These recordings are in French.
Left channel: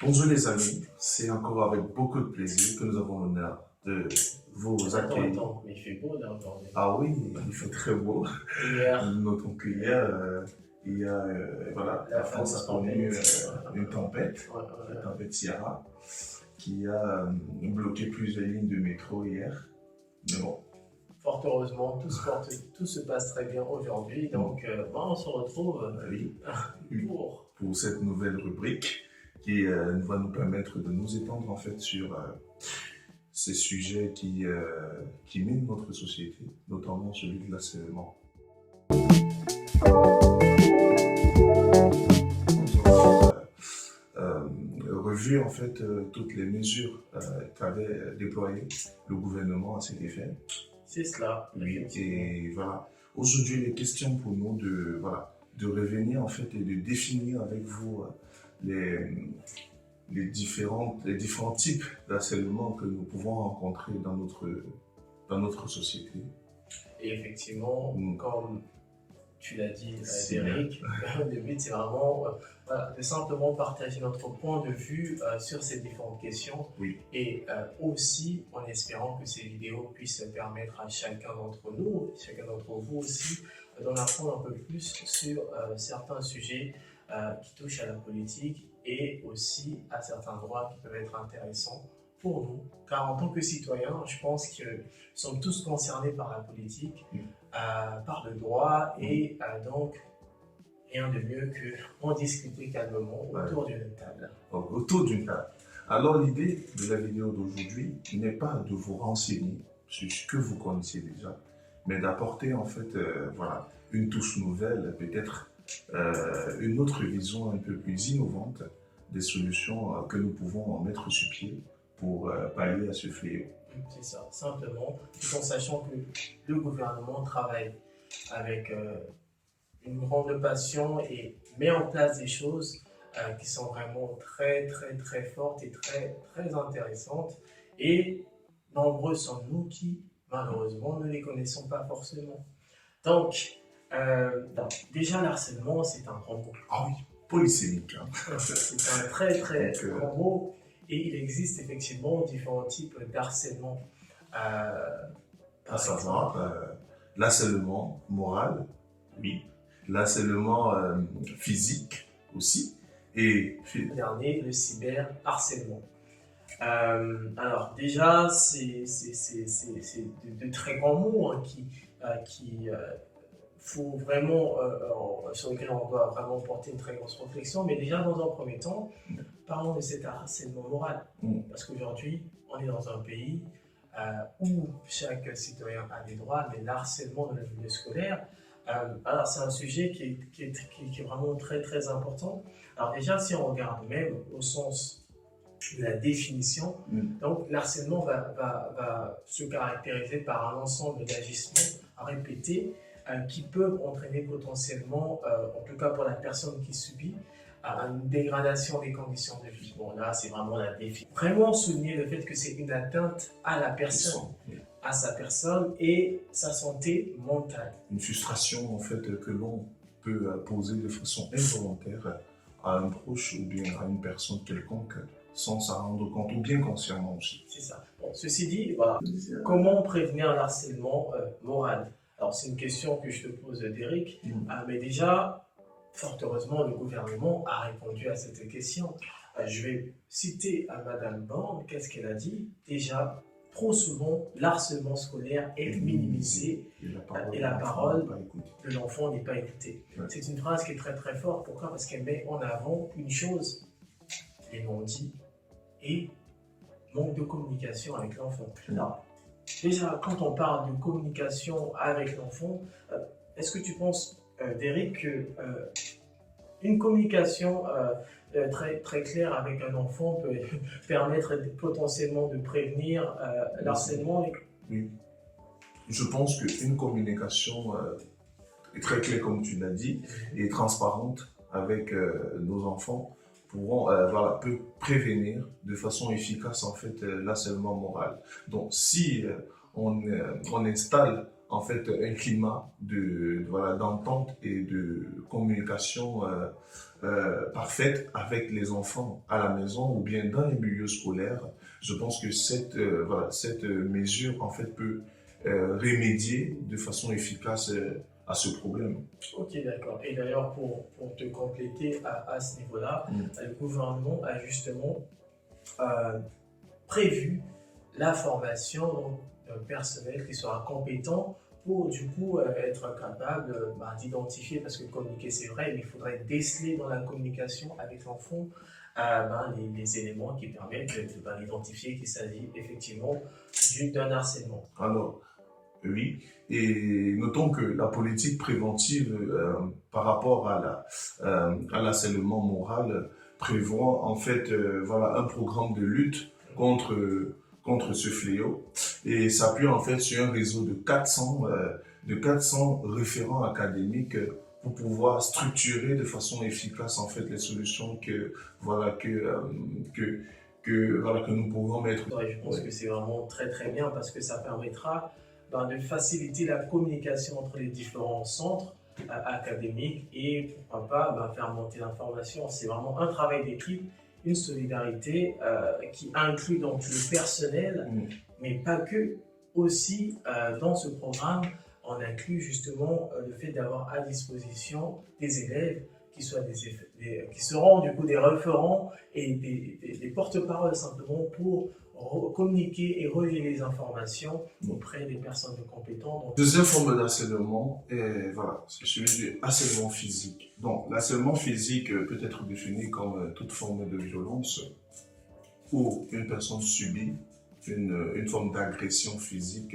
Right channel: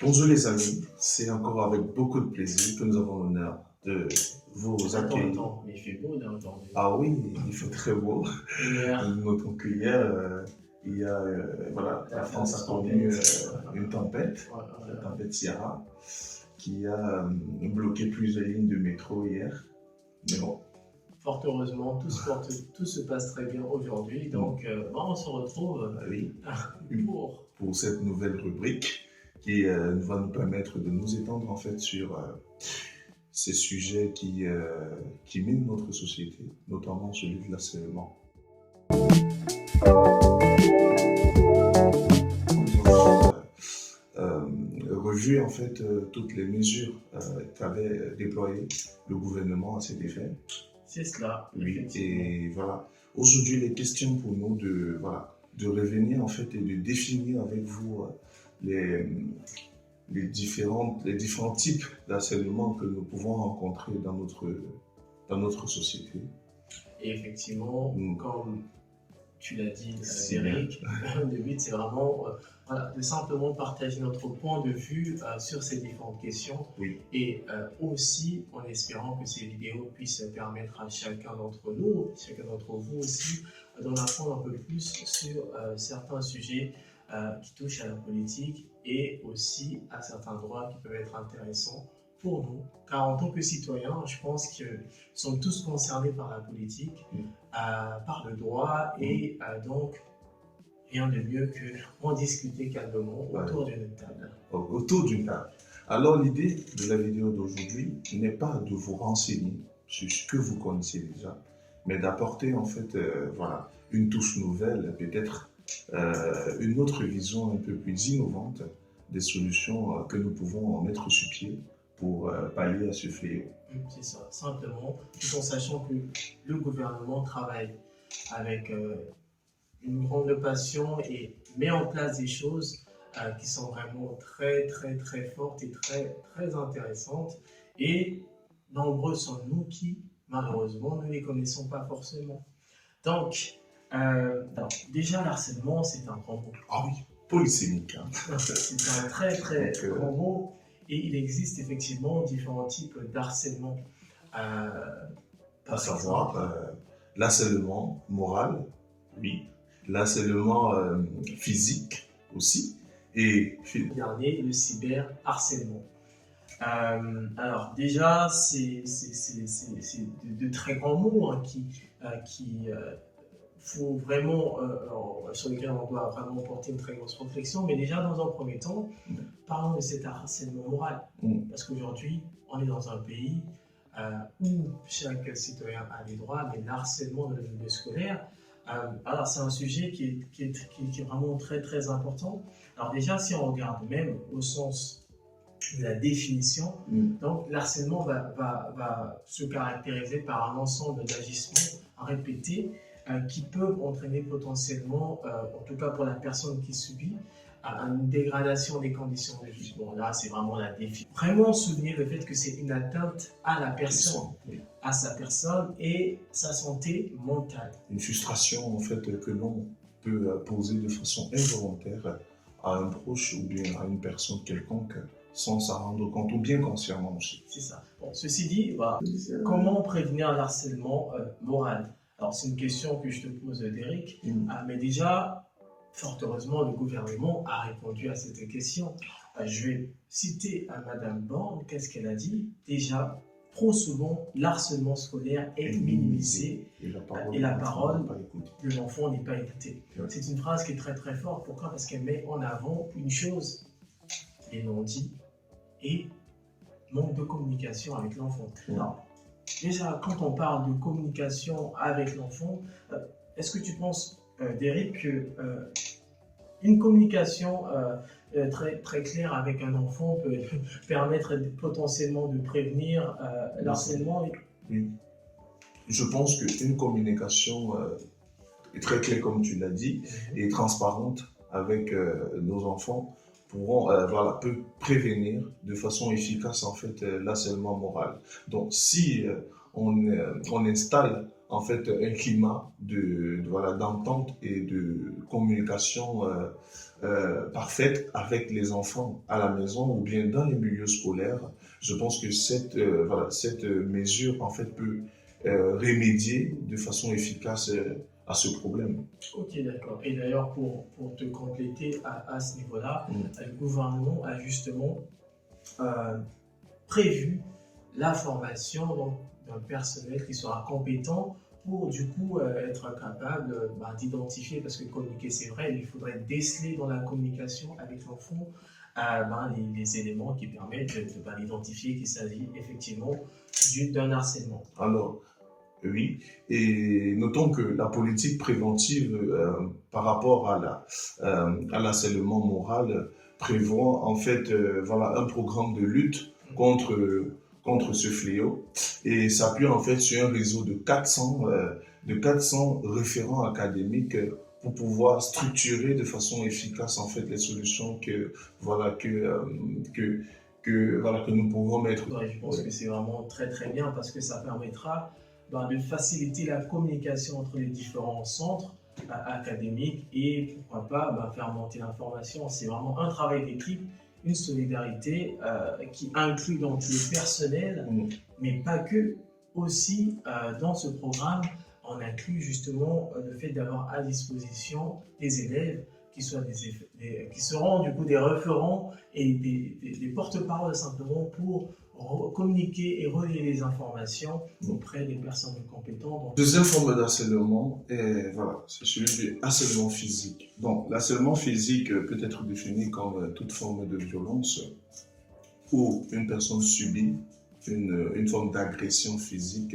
Bonjour les amis, c'est encore avec beaucoup de plaisir que nous avons l'honneur de vous accueillir. Attends, mais il fait beau là aujourd'hui. Ah oui, il fait très beau. Hier, Nous notons qu'hier, il y a, voilà, la France a connu une tempête, la tempête Ciara, qui a bloqué plusieurs lignes de métro hier. Mais bon, fort heureusement, tout se passe très bien aujourd'hui. Donc, on se retrouve oui, pour cette nouvelle rubrique qui va nous permettre de nous étendre en fait sur ces sujets qui minent notre société, notamment celui de l'harcèlement. Revu en fait toutes les mesures qu'avait déployées le gouvernement à cet effet. C'est cela. Oui, et voilà. Aujourd'hui, il est question pour nous de revenir en fait et de définir avec vous les différents types d'harcèlement que nous pouvons rencontrer dans notre société. Et effectivement, comme tu l'as dit, Eric, le but c'est vraiment de simplement partager notre point de vue sur ces différentes questions. Oui. Et aussi en espérant que ces vidéos puissent permettre à chacun d'entre nous, chacun d'entre vous aussi, d'en apprendre un peu plus sur certains sujets qui touchent à la politique et aussi à certains droits qui peuvent être intéressants pour nous, car en tant que citoyens, je pense que nous sommes tous concernés par la politique, par le droit, et donc rien de mieux que en discuter calmement autour d'une table. Autour d'une table. Alors l'idée de la vidéo d'aujourd'hui n'est pas de vous renseigner sur ce que vous connaissez déjà, mais d'apporter en fait une touche nouvelle, peut-être une autre vision un peu plus innovante des solutions que nous pouvons mettre sur pied pour pallier à ce fléau. C'est ça, simplement, tout en sachant que le gouvernement travaille avec une grande passion et met en place des choses qui sont vraiment très fortes et très intéressantes. Et nombreux sommes-nous qui, malheureusement, ne les connaissons pas forcément. Donc, déjà, l'harcèlement, c'est un grand mot. Ah oui, polysémique. Hein. C'est un très grand mot. Et il existe effectivement différents types d'harcèlement. À savoir l'harcèlement moral, oui, l'harcèlement physique aussi, et le dernier, le cyberharcèlement. Alors déjà, c'est de très grands mots hein, faut vraiment, sur lesquels on doit vraiment porter une très grosse réflexion. Mais déjà, dans un premier temps, parlons de cet harcèlement moral. Parce qu'aujourd'hui, on est dans un pays où chaque citoyen a des droits, mais l'harcèlement de la milieu scolaire, alors c'est un sujet qui est vraiment très important. Alors déjà, si on regarde même au sens de la définition, donc l'harcèlement va se caractériser par un ensemble d'agissements répétés qui peuvent entraîner potentiellement, en tout cas pour la personne qui subit, une dégradation des conditions de vie. Bon, là, c'est vraiment la définition. Vraiment souligner le fait que c'est une atteinte à la personne, à sa personne et sa santé mentale. Une frustration, en fait, que l'on peut poser de façon involontaire à un proche ou bien à une personne quelconque sans s'en rendre compte ou bien consciemment aussi. C'est ça. Bon, ceci dit, voilà. Comment prévenir un harcèlement moral? Alors, c'est une question que je te pose, Derek, mais déjà, fort heureusement, le gouvernement a répondu à cette question. Je vais citer à Madame Borne, qu'est-ce qu'elle a dit? Déjà, trop souvent, l'harcèlement scolaire est minimisé et la parole de l'enfant n'est pas écoutée. Ouais. C'est une phrase qui est très forte. Pourquoi? Parce qu'elle met en avant une chose, les non-dits et manque de communication avec l'enfant. Alors, déjà, quand on parle de communication avec l'enfant, est-ce que tu penses, Derek, qu'une communication très claire avec un enfant peut permettre potentiellement de prévenir l'harcèlement? Oui. Je pense qu'une communication très claire, comme tu l'as dit, et transparente avec nos enfants peut prévenir de façon efficace en fait l'harcèlement moral. Donc si on installe en fait un climat voilà, d'entente et de communication parfaite avec les enfants à la maison ou bien dans les milieux scolaires. Je pense que voilà, cette mesure en fait peut remédier de façon efficace à ce problème. Ok, d'accord. Et d'ailleurs, pour te compléter à ce niveau-là, le gouvernement a justement prévu la formation d'un personnel qui sera compétent pour du coup être capable d'identifier, parce que communiquer c'est vrai, mais il faudrait déceler dans la communication avec l'enfant les éléments qui permettent d'identifier qu'il s'agit effectivement d'un harcèlement. Alors, oui, et notons que la politique préventive par rapport à l'harcèlement moral prévoit en fait voilà, un programme de lutte contre ce fléau et s'appuie en fait sur un réseau de 400 référents académiques pour pouvoir structurer de façon efficace en fait les solutions voilà, que nous pouvons mettre. Ouais, je pense que c'est vraiment très très bien parce que ça permettra de faciliter la communication entre les différents centres académiques et pourquoi pas faire monter l'information. C'est vraiment un travail d'équipe, une solidarité qui inclut donc le personnel, mais pas que. Aussi, dans ce programme, on inclut justement le fait d'avoir à disposition des élèves qui seront du coup des référents et des porte-paroles simplement pour communiquer et relier les informations auprès des personnes compétentes. Deuxième forme d'harcèlement, voilà, c'est celui du harcèlement physique. Donc, l'harcèlement physique peut être défini comme toute forme de violence où une personne subit une forme d'agression physique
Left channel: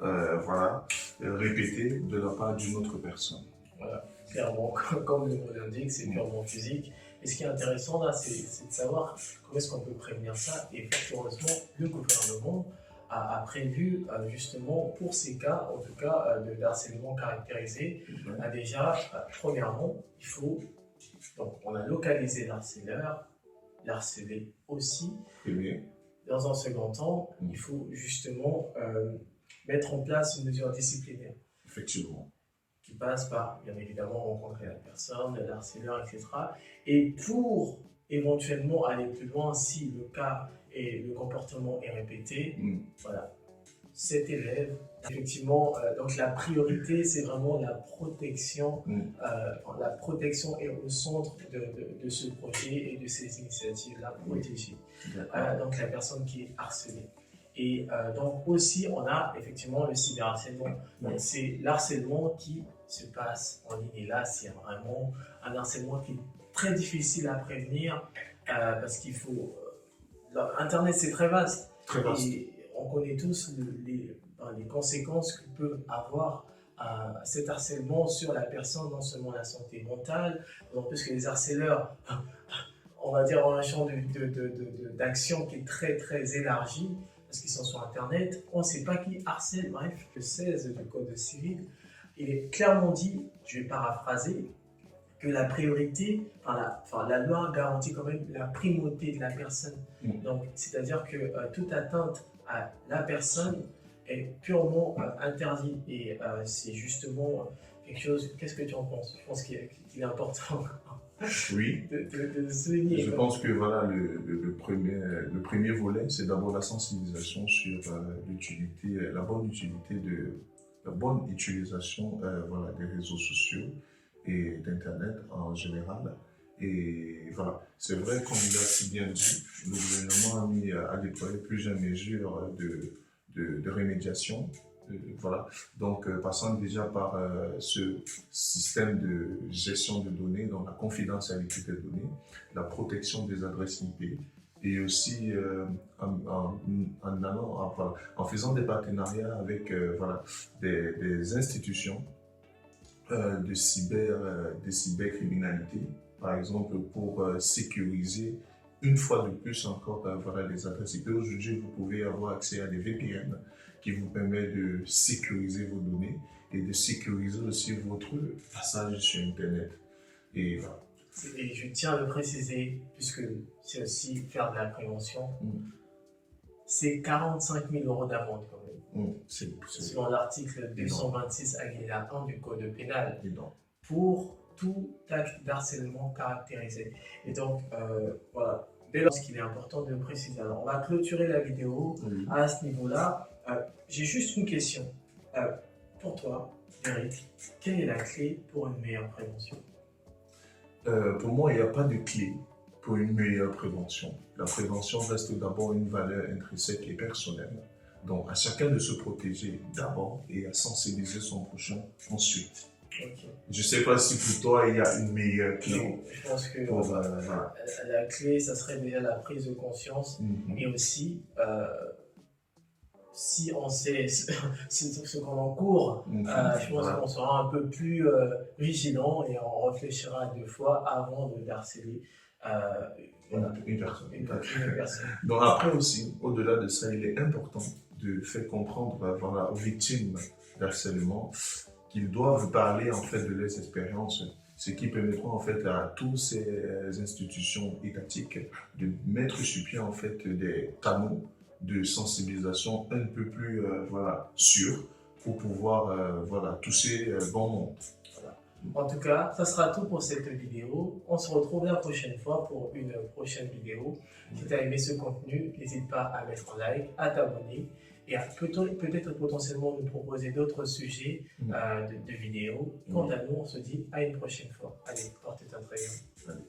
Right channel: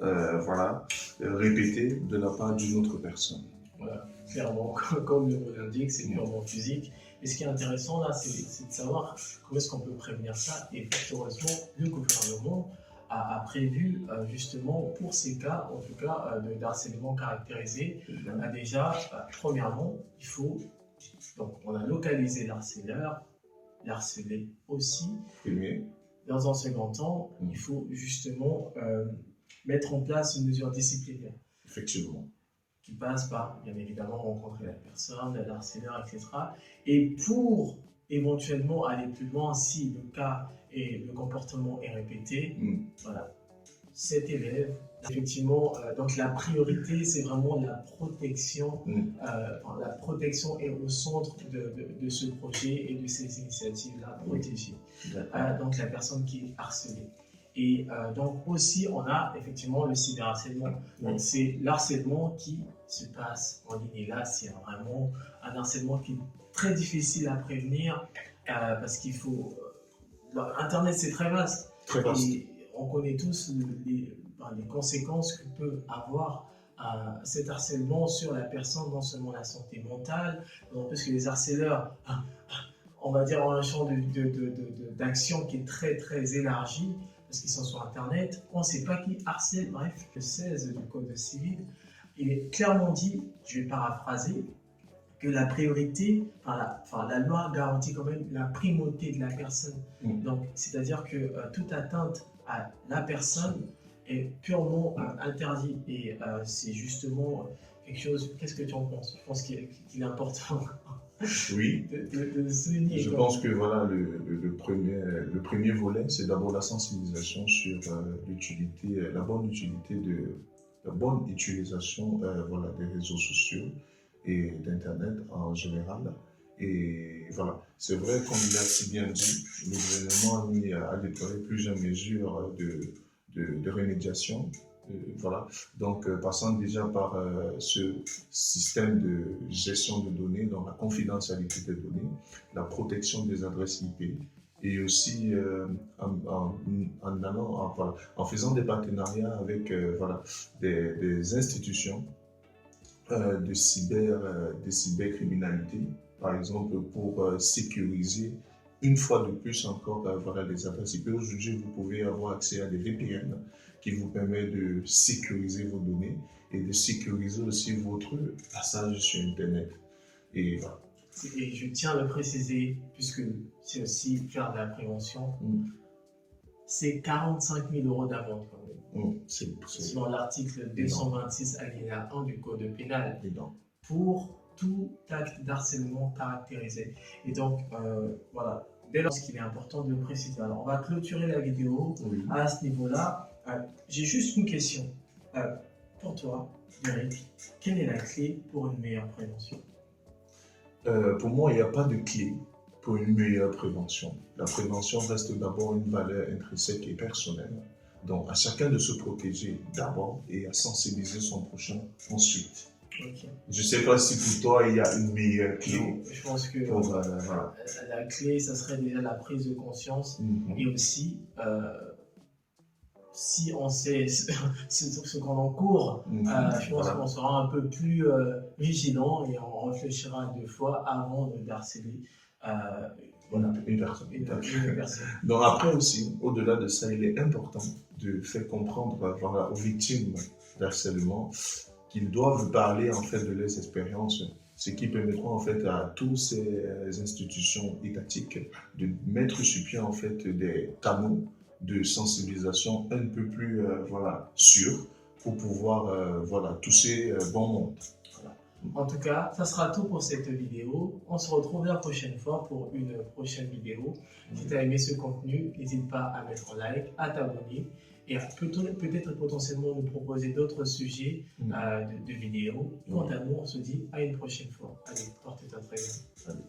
voilà, répétée de la part d'une autre personne. Voilà, clairement, comme le mot l'indique, c'est purement physique. Et ce qui est intéressant là, c'est de savoir comment est-ce qu'on peut prévenir ça. Et heureusement, le gouvernement a prévu justement pour ces cas, en tout cas de harcèlement caractérisé, déjà, premièrement, il faut, donc on a localisé l'harceleur, l'harcelé aussi. Dans un second temps, il faut justement mettre en place une mesure disciplinaire. Effectivement. Qui passe par, bien évidemment, rencontrer la personne, l'harceleur, etc. Et pour éventuellement aller plus loin, si le cas et le comportement est répété, voilà, cet élève, effectivement, donc la priorité, c'est vraiment la protection. La protection est au centre de ce projet et de ces initiatives-là, protéger. Donc la personne qui est harcelée. Et donc aussi, on a effectivement le cyberharcèlement. Donc c'est l'harcèlement qui se passe en ligne. Et là, c'est vraiment un harcèlement qui est très difficile à prévenir parce qu'il faut... Internet, c'est très vaste. Très vaste. Et on connaît tous les conséquences que peut avoir cet harcèlement sur la personne, non seulement la santé mentale, d'autant plus que les harceleurs, on va dire, ont un champ d'action qui est très très élargi, parce qu'ils sont sur Internet, on ne sait pas qui harcèle. Bref, le 16 du Code civil, il est clairement dit, je vais paraphraser, que la priorité, la loi garantit quand même la primauté de la personne. Donc, c'est-à-dire que toute atteinte à la personne est purement interdite. Et c'est justement quelque chose, qu'est-ce que tu en penses? Je pense qu'il est important. Oui, de souligner. Je pense que voilà, le premier volet, c'est d'abord la sensibilisation sur l'utilité, la bonne utilisation voilà, des réseaux sociaux et d'Internet en général. Et voilà, c'est vrai, comme il a si bien dit, le gouvernement a déployé plusieurs mesures de remédiation. Voilà, donc passant déjà par ce système de gestion de données, donc la confidentialité des données, la protection des adresses IP, et aussi en faisant des partenariats avec voilà, des institutions de cybercriminalité, par exemple pour sécuriser une fois de plus encore voilà, les adresses IP. Aujourd'hui, vous pouvez avoir accès à des VPN qui vous permet de sécuriser vos données et de sécuriser aussi votre passage sur Internet. Et voilà. Et je tiens à le préciser, puisque c'est aussi faire de la prévention. c'est 45 000 € d'amende quand même. C'est Selon l'article 226 alinéa 1 du Code pénal. énorme. Pour tout acte d'harcèlement caractérisé. Et donc, voilà, dès lors qu'il est important de préciser. Alors, on va clôturer la vidéo à ce niveau-là. J'ai juste une question. Pour toi, Eric, quelle est la clé pour une meilleure prévention? Pour moi, il n'y a pas de clé pour une meilleure prévention. La prévention reste d'abord une valeur intrinsèque et personnelle. Donc, à chacun de se protéger d'abord et à sensibiliser son prochain ensuite. Okay. Je ne sais pas si pour toi, il y a une meilleure clé. Non, je pense que pour, la clé, ça serait déjà la prise de conscience et aussi, si on sait ce qu'on encourt, je pense qu'on sera un peu plus vigilant et on réfléchira 2 fois avant de harceler une personne. Une personne. Donc après aussi, au-delà de ça, il est important de faire comprendre aux victimes d'harcèlement qu'ils doivent parler en fait de leurs expériences, ce qui permettra en fait à toutes ces institutions étatiques de mettre sur pied en fait des canaux de sensibilisation un peu plus sûrs pour pouvoir toucher bon monde. Voilà. En tout cas, ça sera tout pour cette vidéo. On se retrouve la prochaine fois pour une prochaine vidéo. Si tu as aimé ce contenu, n'hésite pas à mettre un like, à t'abonner et à peut-être potentiellement nous proposer d'autres sujets de vidéos. Quant à nous, on se dit à une prochaine fois. Allez, portez-toi très bien. Salut.